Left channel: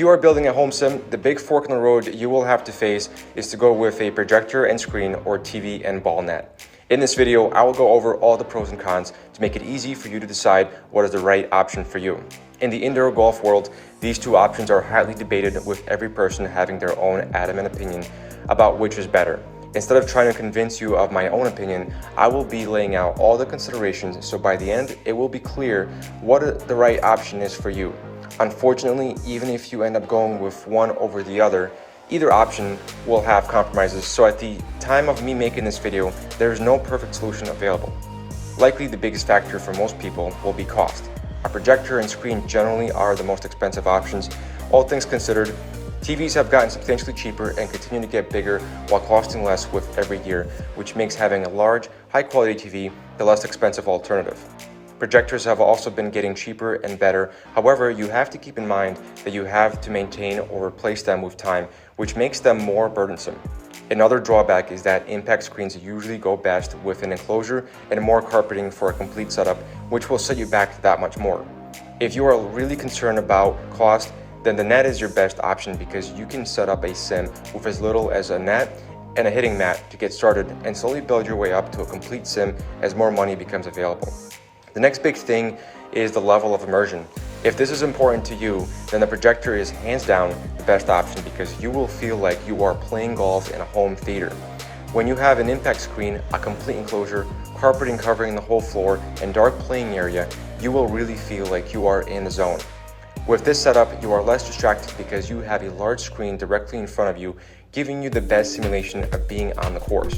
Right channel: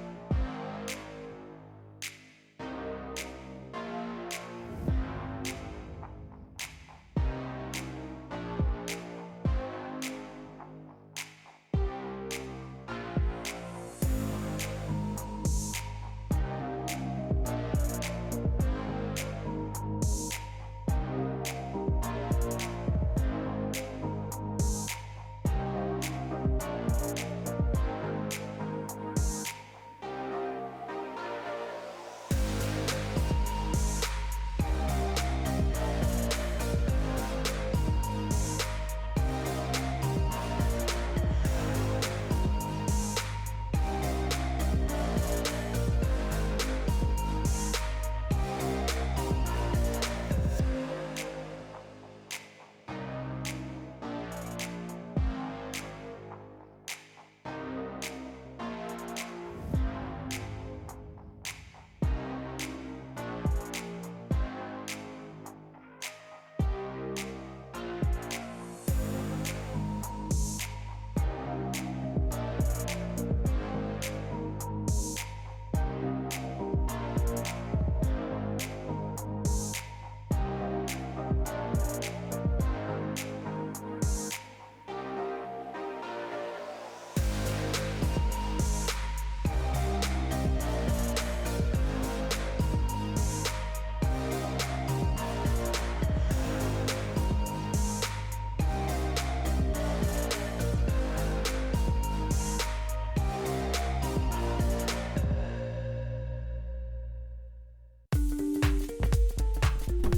you are building a home sim, the big fork in the road you will have to face is to go with a projector and screen or TV and ball net. In this video, I will go over all the pros and cons to make it easy for you to decide what is the right option for you. In the indoor golf world, these two options are highly debated, with every person having their own adamant opinion about which is better. Instead of trying to convince you of my own opinion, I will be laying out all the considerations, so by the end, it will be clear what the right option is for you. Unfortunately, even if you end up going with one over the other, either option will have compromises, so at the time of me making this video, there is no perfect solution available. Likely the biggest factor for most people will be cost. A projector and screen generally are the most expensive options. All things considered, TVs have gotten substantially cheaper and continue to get bigger while costing less with every year, which makes having a large, high-quality TV the less expensive alternative. Projectors have also been getting cheaper and better. However, you have to keep in mind that you have to maintain or replace them with time, which makes them more burdensome. Another drawback is that impact screens usually go best with an enclosure and more carpeting for a complete setup, which will set you back that much more. If you are really concerned about cost, then the net is your best option because you can set up a sim with as little as a net and a hitting mat to get started and slowly build your way up to a complete sim as more money becomes available. The next big thing is the level of immersion. If this is important to you, then the projector is hands down the best option because you will feel like you are playing golf in a home theater. When you have an impact screen, a complete enclosure, carpeting covering the whole floor, and dark playing area, you will really feel like you are in the zone. With this setup, you are less distracted because you have a large screen directly in front of you, giving you the best simulation of being on the course.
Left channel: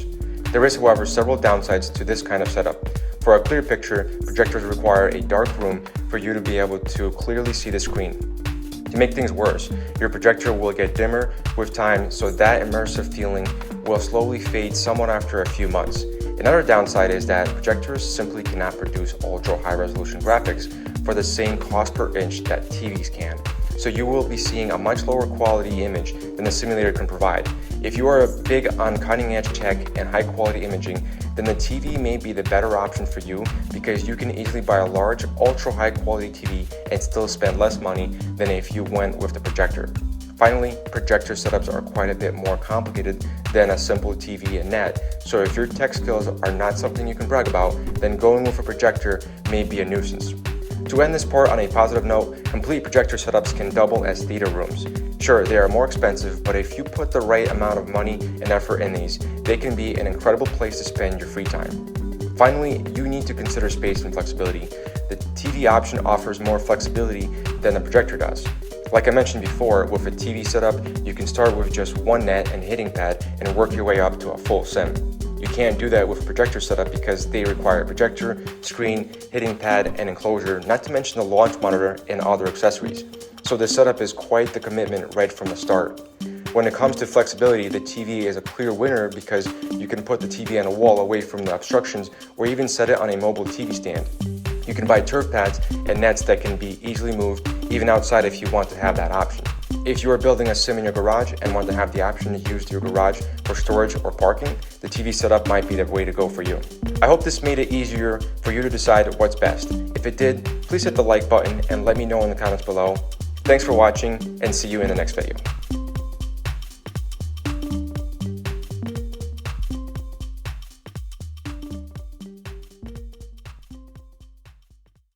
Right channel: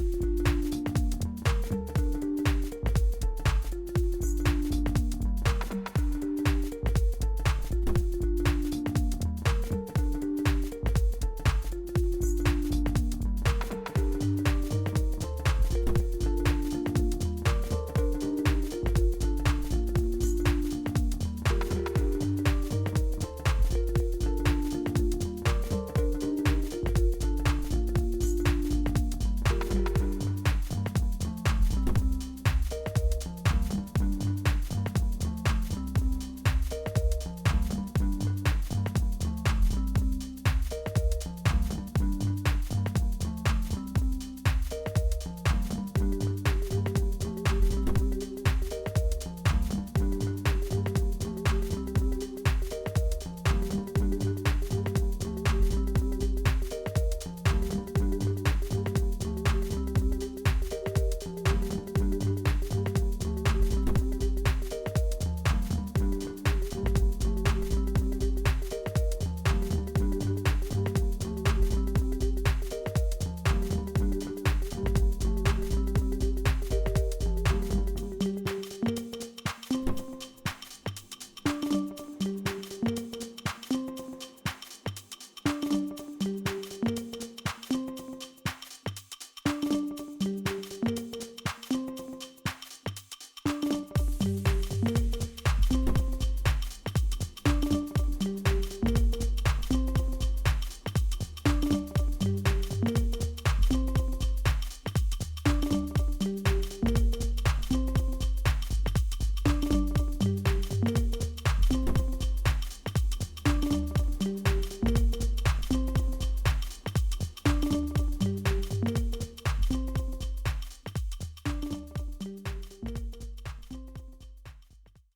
There is, however, several downsides to this kind of setup. For a clear picture, projectors require a dark room for you to be able to clearly see the screen. To make things worse, your projector will get dimmer with time, so that immersive feeling will slowly fade somewhat after a few months. Another downside is that projectors simply cannot produce ultra high resolution graphics for the same cost per inch that TVs can. So you will be seeing a much lower quality image than the simulator can provide. If you are big on cutting edge tech and high quality imaging, then the TV may be the better option for you because you can easily buy a large, ultra high quality TV and still spend less money than if you went with the projector. Finally, projector setups are quite a bit more complicated than a simple TV and net, so if your tech skills are not something you can brag about, then going with a projector may be a nuisance. To end this part on a positive note, complete projector setups can double as theater rooms. Sure, they are more expensive, but if you put the right amount of money and effort in these, they can be an incredible place to spend your free time. Finally, you need to consider space and flexibility. The TV option offers more flexibility than the projector does. Like I mentioned before, with a TV setup, you can start with just one net and hitting pad and work your way up to a full sim. You can't do that with a projector setup because they require a projector, screen, hitting pad, and enclosure, not to mention the launch monitor and other accessories. So this setup is quite the commitment right from the start. When it comes to flexibility, the TV is a clear winner because you can put the TV on the wall away from the obstructions or even set it on a mobile TV stand. You can buy turf pads and nets that can be easily moved even outside if you want to have that option. If you are building a sim in your garage and want to have the option to use your garage for storage or parking, the TV setup might be the way to go for you. I hope this made it easier for you to decide what's best. If it did, please hit the like button and let me know in the comments below. Thanks for watching and see you in the next video.